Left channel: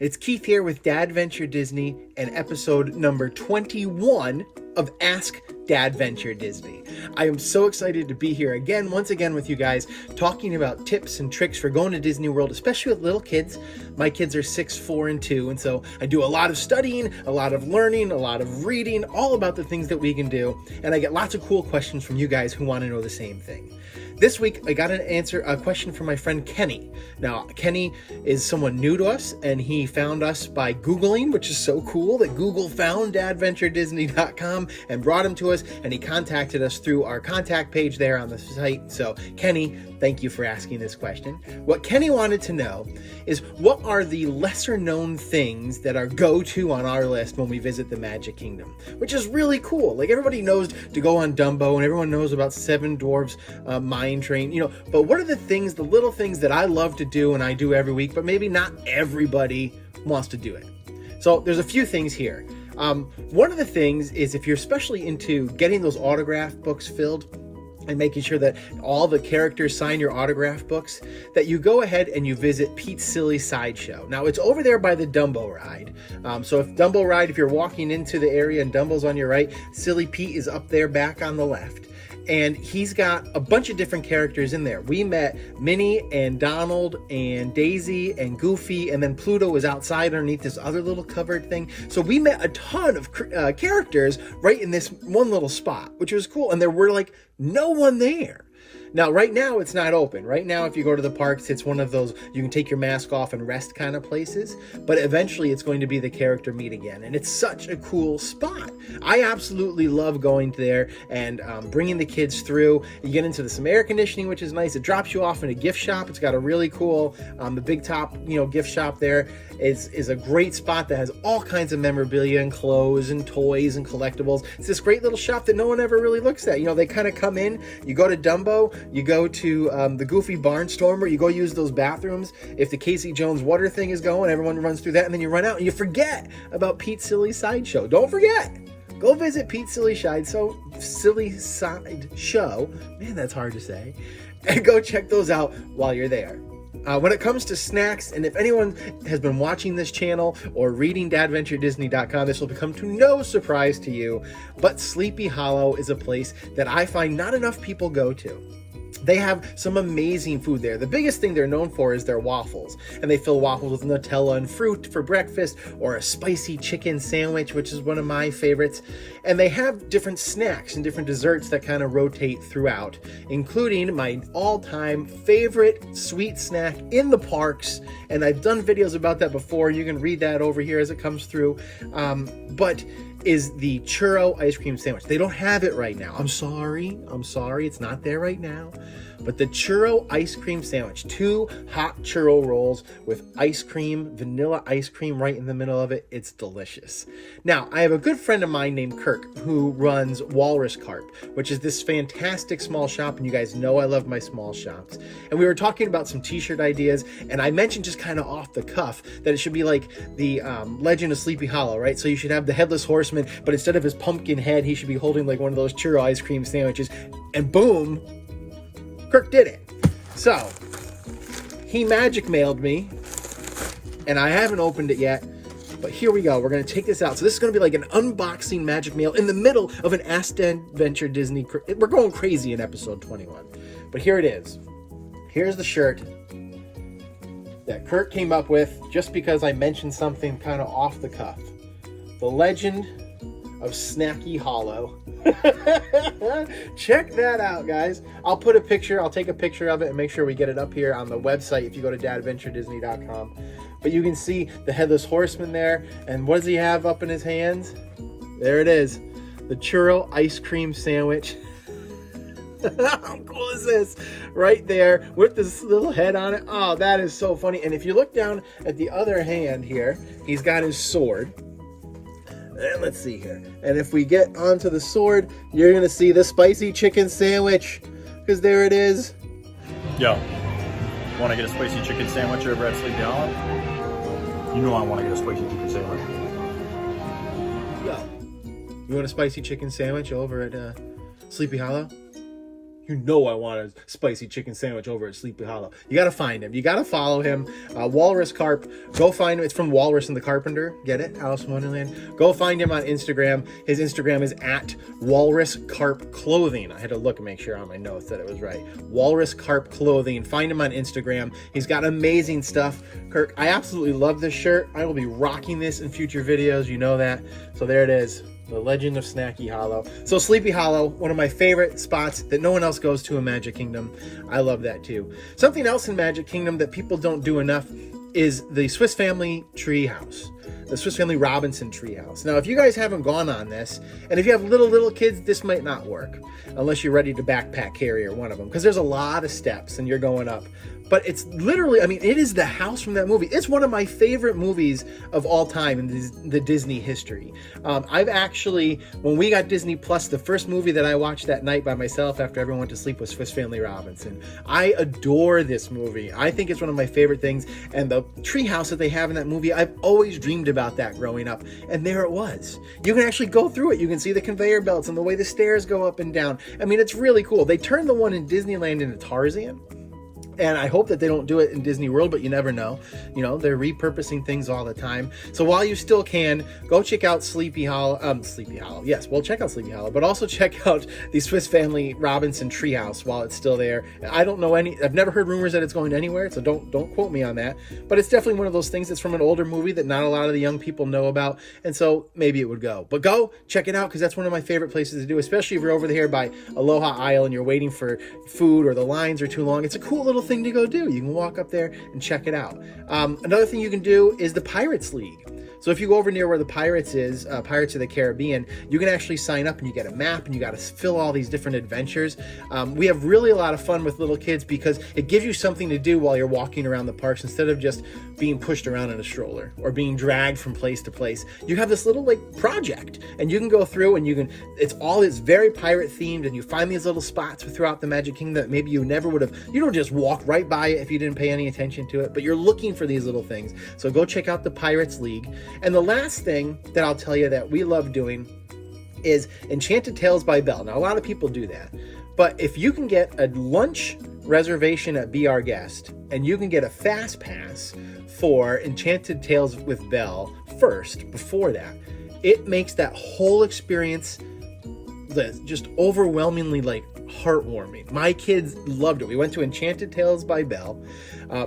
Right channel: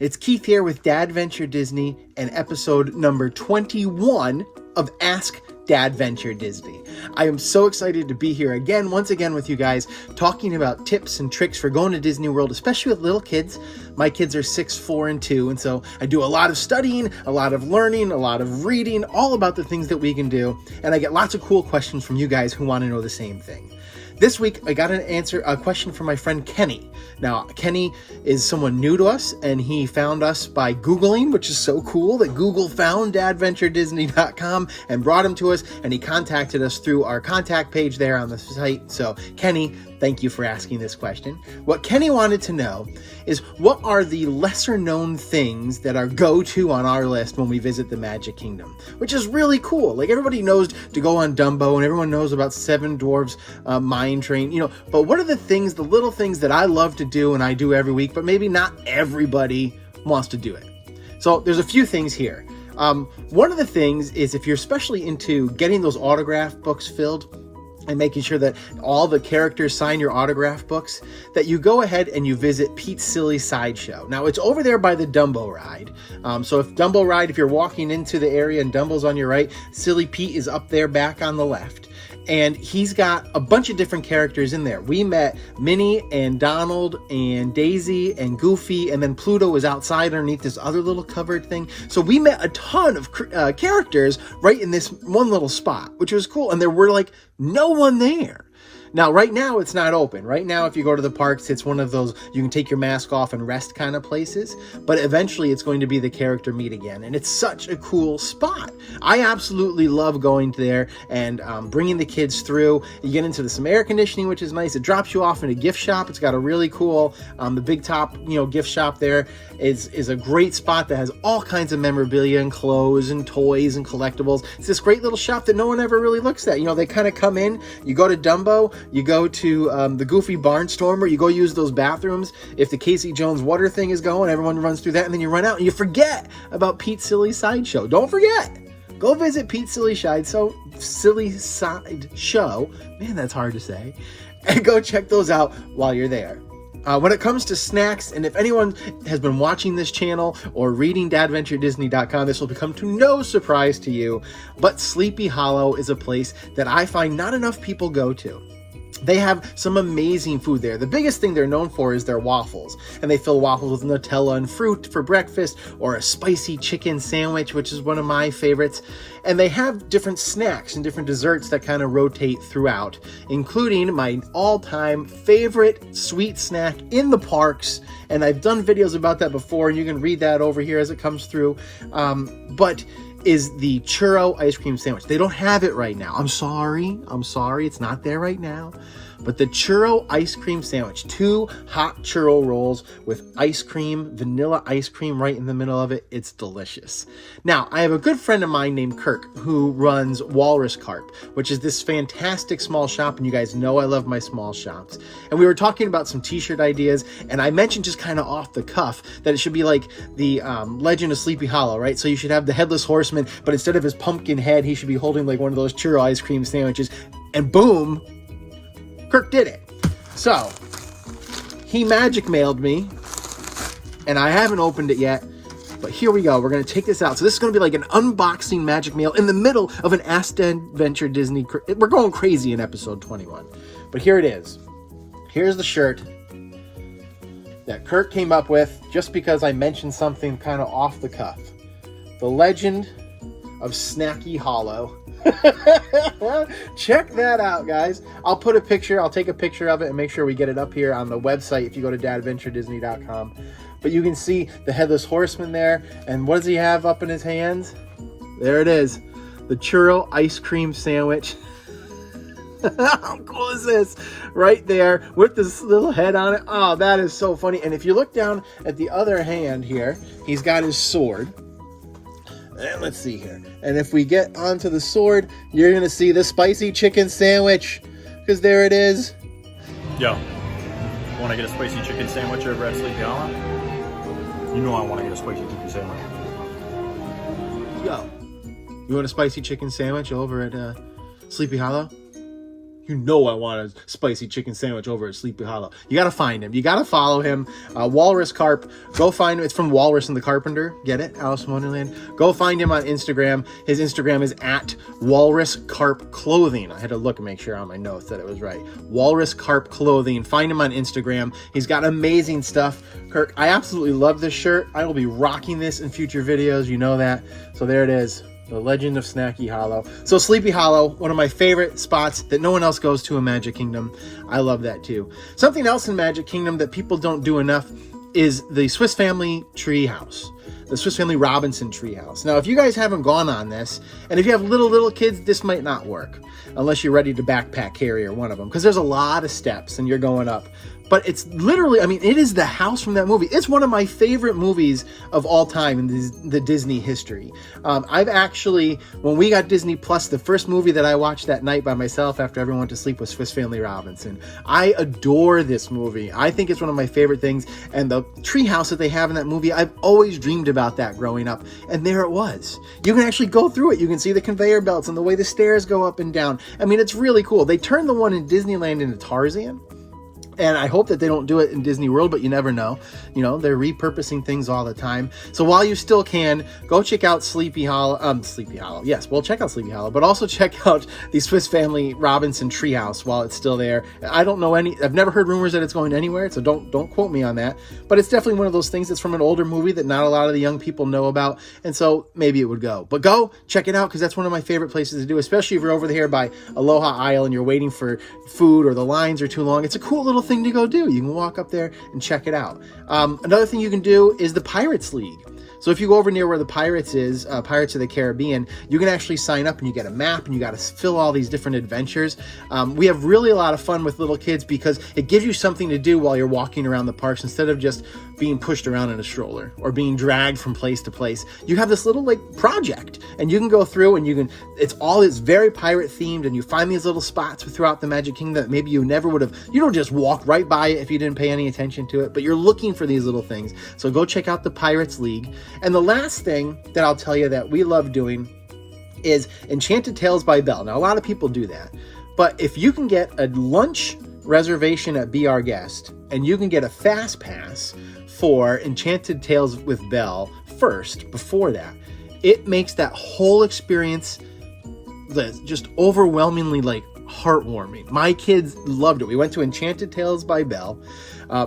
It's Keith here with DADventure Disney and episode number 21 of Ask DADventure Disney. I am so excited to be here once again with you guys, talking about tips and tricks for going to Disney World, especially with little kids. My kids are 6, 4, and 2, and so I do a lot of studying, a lot of learning, a lot of reading, all about the things that we can do, and I get lots of cool questions from you guys who want to know the same thing. This week, I got a question from my friend Kenny. Now, Kenny is someone new to us, and he found us by Googling, which is so cool that Google found DADventureDisney.com and brought him to us, and he contacted us through our contact page there on the site. So, Kenny, thank you for asking this question. What Kenny wanted to know is, what are the lesser-known things that are go-to on our list when we visit the Magic Kingdom? Which is really cool. Like, everybody knows to go on Dumbo, and everyone knows about Seven Dwarfs Mine Train, but what are the little things that I love to do and I do every week, but maybe not everybody wants to do it? So there's a few things here. One of the things is, if you're especially into getting those autograph books filled and making sure that all the characters sign your autograph books, that you go ahead and you visit Pete's Silly Sideshow. Now, it's over there by the Dumbo ride. So if you're walking into the area and Dumbo's on your right, Silly Pete is up there back on the left. And he's got a bunch of different characters in there. We met Minnie and Donald and Daisy and Goofy, and then Pluto was outside underneath this other little covered thing. So we met a ton of characters right in this one little spot, which was cool. And there were no one there. Now, right now, it's not open. Right now, if you go to the parks, it's one of those you can take your mask off and rest kind of places. But eventually, it's going to be the character meet again. And it's such a cool spot. I absolutely love going there and bringing the kids through. You get into some air conditioning, which is nice. It drops you off in a gift shop. It's got a really cool, the Big Top, gift shop there is a great spot that has all kinds of memorabilia and clothes and toys and collectibles. It's this great little shop that no one ever really looks at. They kind of come in, you go to Dumbo, you go to the Goofy Barnstormer, you go use those bathrooms. If the Casey Jones water thing is going, everyone runs through that, and then you run out and you forget about Pete's Silly Sideshow. Don't forget. Go visit Pete's Silly Sideshow. Man, that's hard to say. And go check those out while you're there. When it comes to snacks, and if anyone has been watching this channel or reading DADventureDisney.com, this will become to no surprise to you, but Sleepy Hollow is a place that I find not enough people go to. They have some amazing food there. The biggest thing they're known for is their waffles. And they fill waffles with Nutella and fruit for breakfast, or a spicy chicken sandwich, which is one of my favorites. And they have different snacks and different desserts that kind of rotate throughout, including my all-time favorite sweet snack in the parks. And I've done videos about that before. You can read that over here as it comes through. But is the churro ice cream sandwich. They don't have it right now. I'm sorry. It's not there right now. But the churro ice cream sandwich, 2 hot churro rolls with ice cream, vanilla ice cream right in the middle of it. It's delicious. Now, I have a good friend of mine named Kirk who runs Walrus Carp, which is this fantastic small shop. And you guys know I love my small shops. And we were talking about some t-shirt ideas. And I mentioned just kind of off the cuff that it should be like the Legend of Sleepy Hollow, right? So you should have the Headless Horseman, but instead of his pumpkin head, he should be holding like one of those churro ice cream sandwiches. And boom, Kirk did it. So he magic mailed me, and I haven't opened it yet, but here we go. We're going to take this out. So this is going to be like an unboxing magic mail in the middle of an Ask DADventure Disney. We're going crazy in episode 21, but here it is. Here's the shirt that Kirk came up with just because I mentioned something kind of off the cuff. The Legend of Snacky Hollow. Check that out, guys. I'll take a picture of it and make sure we get it up here on the website if you go to DADventureDisney.com. But you can see the Headless Horseman there, and what does he have up in his hands? There it is, the churro ice cream sandwich. How cool is this? Right there with this little head on it. Oh, that is so funny. And if you look down at the other hand here, he's got his sword. And let's see here. And if we get onto the sword, you're going to see the spicy chicken sandwich. Because there it is. Yo, want to get a spicy chicken sandwich over at Sleepy Hollow? You know I want to get a spicy chicken sandwich. Yo, you want a spicy chicken sandwich over at Sleepy Hollow? You know I want a spicy chicken sandwich over at Sleepy Hollow. You got to find him. You got to follow him. Walrus Carp. Go find him. It's from Walrus and the Carpenter. Get it? Alice in Wonderland. Go find him on Instagram. His Instagram is at Walrus Carp Clothing. I had to look and make sure on my notes that it was right. Walrus Carp Clothing. Find him on Instagram. He's got amazing stuff. Kirk, I absolutely love this shirt. I will be rocking this in future videos. You know that. So there it is. The Legend of Snacky Hollow. So Sleepy Hollow, one of my favorite spots that no one else goes to in Magic Kingdom. I love that too. Something else in Magic Kingdom that people don't do enough is the Swiss Family Treehouse. The Swiss Family Robinson Treehouse. Now, if you guys haven't gone on this, and if you have little kids, this might not work. Unless you're ready to backpack carry or one of them. Because there's a lot of steps and you're going up. But it's literally, I mean, it is the house from that movie. It's one of my favorite movies of all time in the Disney history. I've actually, when we got Disney Plus, the first movie that I watched that night by myself after everyone went to sleep was Swiss Family Robinson. I adore this movie. I think it's one of my favorite things. And the treehouse that they have in that movie, I've always dreamed about that growing up. And there it was. You can actually go through it. You can see the conveyor belts and the way the stairs go up and down. I mean, it's really cool. They turned the one in Disneyland into Tarzan. And I hope that they don't do it in Disney World, but you never know. You know, they're repurposing things all the time. So while you still can, go check out Sleepy Hollow. Yes, we'll check out Sleepy Hollow, but also check out the Swiss Family Robinson Treehouse while it's still there. I don't know I've never heard rumors that it's going anywhere, so don't quote me on that. But it's definitely one of those things that's from an older movie that not a lot of the young people know about. And so maybe it would go. But go check it out because that's one of my favorite places to do, especially if you're over here by Aloha Isle and you're waiting for food or the lines are too long. It's a cool little thing to go do. You can walk up there and check it out. Another thing you can do is the Pirates League. So if you go over near where the Pirates is, Pirates of the Caribbean, you can actually sign up and you get a map and you got to fill all these different adventures. We have really a lot of fun with little kids because it gives you something to do while you're walking around the parks instead of just being pushed around in a stroller or being dragged from place to place. You have this little project and you can go through and it's very pirate themed and you find these little spots throughout the Magic Kingdom that maybe you never would have. You don't just walk right by it if you didn't pay any attention to it, but you're looking for these little things. So go check out the Pirates League. And the last thing that I'll tell you that we love doing is Enchanted Tales by Belle. Now, a lot of people do that, but if you can get a lunch reservation at Be Our Guest and you can get a FastPass for Enchanted Tales with Belle first, before that, it makes that whole experience just overwhelmingly heartwarming. My kids loved it. We went to Enchanted Tales by Belle.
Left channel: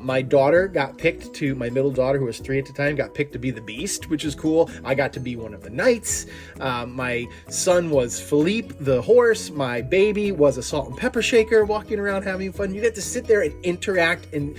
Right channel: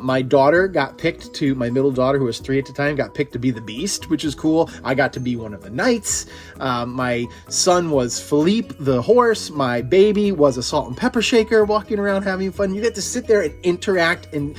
My daughter got picked my middle daughter, who was 3 at the time, got picked to be the Beast, which is cool. I got to be one of the knights. My son was Philippe the horse. My baby was a salt and pepper shaker walking around having fun. You get to sit there and interact and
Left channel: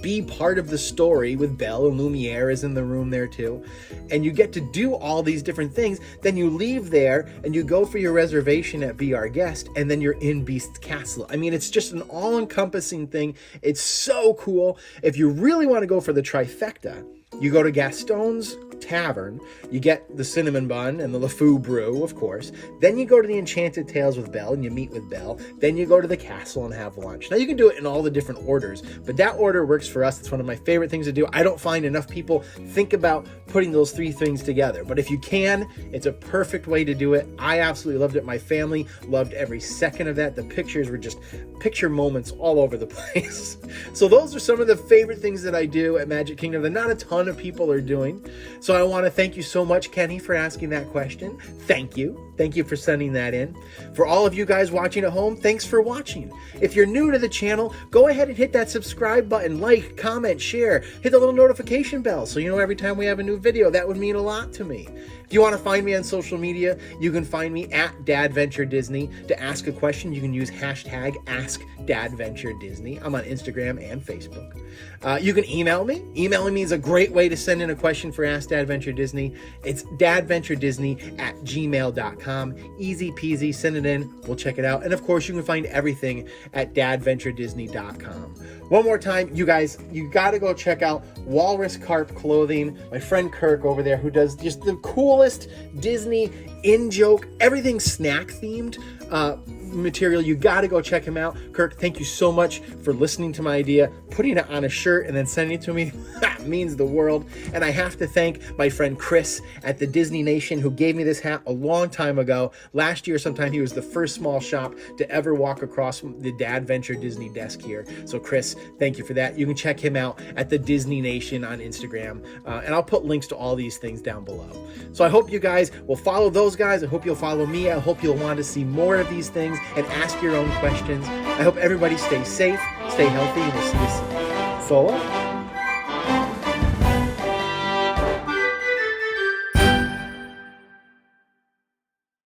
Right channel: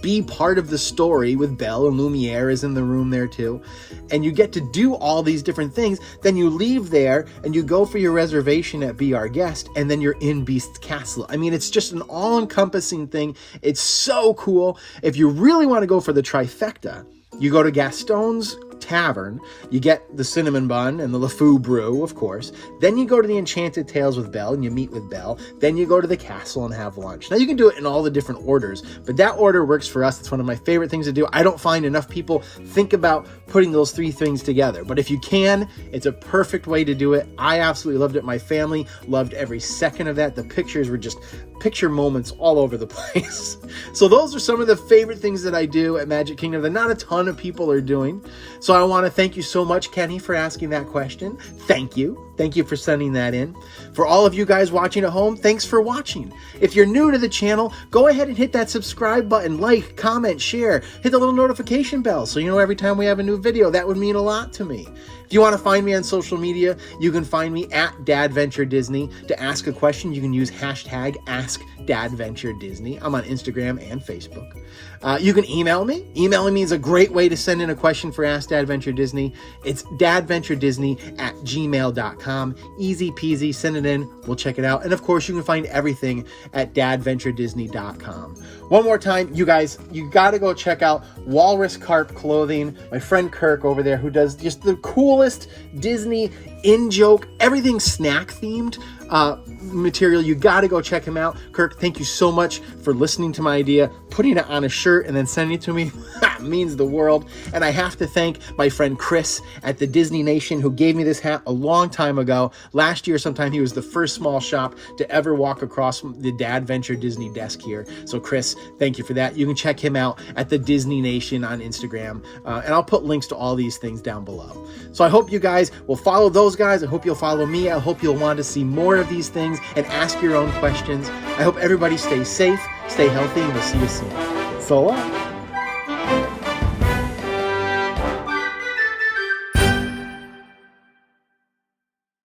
be part of the story with Belle, and Lumiere is in the room there too. And you get to do all these different things. Then you leave there and you go for your reservation at Be Our Guest, and then you're in Beast's Castle. I mean, it's just an all-encompassing thing. It's so cool. If you really want to go for the trifecta, you go to Gaston's Tavern, you get the cinnamon bun and the LeFou brew, of course. Then you go to the Enchanted Tales with Belle and you meet with Belle. Then you go to the castle and have lunch. Now you can do it in all the different orders, but that order works for us. It's one of my favorite things to do. I don't find enough people think about putting those three things together, but if you can, it's a perfect way to do it. I absolutely loved it. My family loved every second of that. The pictures were just picture moments all over the place. So those are some of the favorite things that I do at Magic Kingdom that not a ton of people are doing. So I want to thank you so much, Kenny, for asking that question. Thank you. Thank you for sending that in. For all of you guys watching at home, thanks for watching. If you're new to the channel, go ahead and hit that subscribe button, like, comment, share, hit the little notification bell so you know every time we have a new video. That would mean a lot to me. If you want to find me on social media, you can find me at DADventureDisney. To ask a question, you can use hashtag AskDADventureDisney. I'm on Instagram and Facebook. You can email me. Emailing me is a great way to send in a question for Ask Dadventure Disney. It's dadventuredisney@gmail.com. Easy peasy. Send it in. We'll check it out. And of course, you can find everything at dadventuredisney.com. One more time, you guys, you got to go check out Walrus Carp Clothing. My friend Kirk over there, who does just the coolest Disney in-joke, everything snack-themed material. You got to go check him out. Kirk, thank you so much for listening to my idea, putting it on a shirt, and then sending it to me. That means the world. And I have to thank my friend Chris at the Disney Nation who gave me this hat a long time ago. Last year sometime, he was the first small shop to ever walk across the DADventure Disney desk here. So Chris, thank you for that. You can check him out at the Disney Nation on Instagram. And I'll put links to all these things down below. So I hope you guys will follow those guys. I hope you'll follow me. I hope you'll want to see more of these things and ask your own questions. I hope everybody stays safe, stay healthy, and we'll see you soon. So long.